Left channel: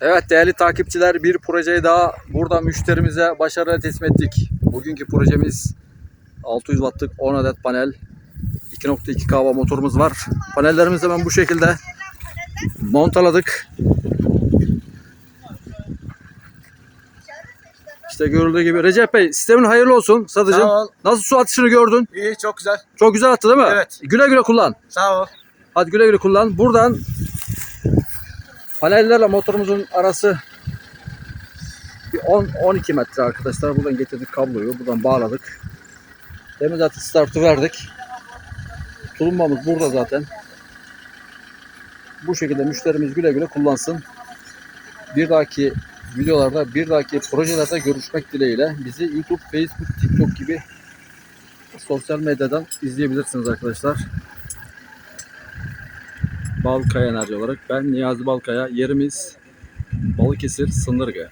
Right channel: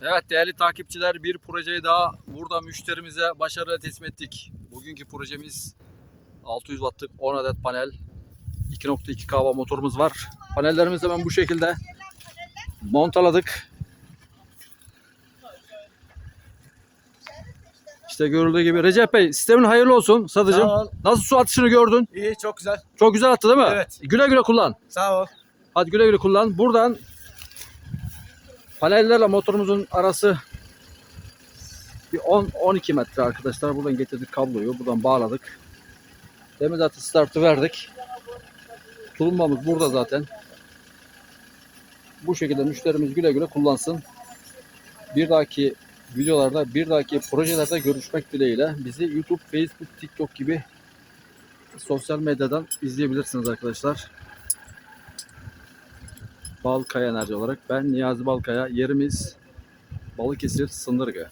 Evet değerli takipçiler, bir projeyi daha burada müşterimize başarıyla teslim ettik. Bugünkü projemiz 600 wattlık 10 adet panel, 2.2 kW motorumuz var. Panellerimizi hemen bu şekilde montaladık. İşte görüldüğü gibi. Recep Bey, sistemin hayırlı olsun satıcım. Sağ ol. Nasıl su atışını gördün? İyi, çok güzel. Çok güzel attı değil mi? Evet. Güle güle kullan. Sağ ol. Hadi güle güle kullan. Buradan panellerle motorumuzun arası bir 10-12 metre arkadaşlar. Buradan getirdik kabloyu. Buradan bağladık. Demin zaten startı verdik. Tulumbamız burada zaten. Bu şekilde müşterimiz güle güle kullansın. Bir dahaki videolarda, bir dahaki projelerde görüşmek dileğiyle. Bizi YouTube, Facebook, TikTok gibi sosyal medyadan izleyebilirsiniz arkadaşlar. Balkaya Enerji olarak ben Niyazi Balkaya. Yerimiz Balıkesir Sındırgı.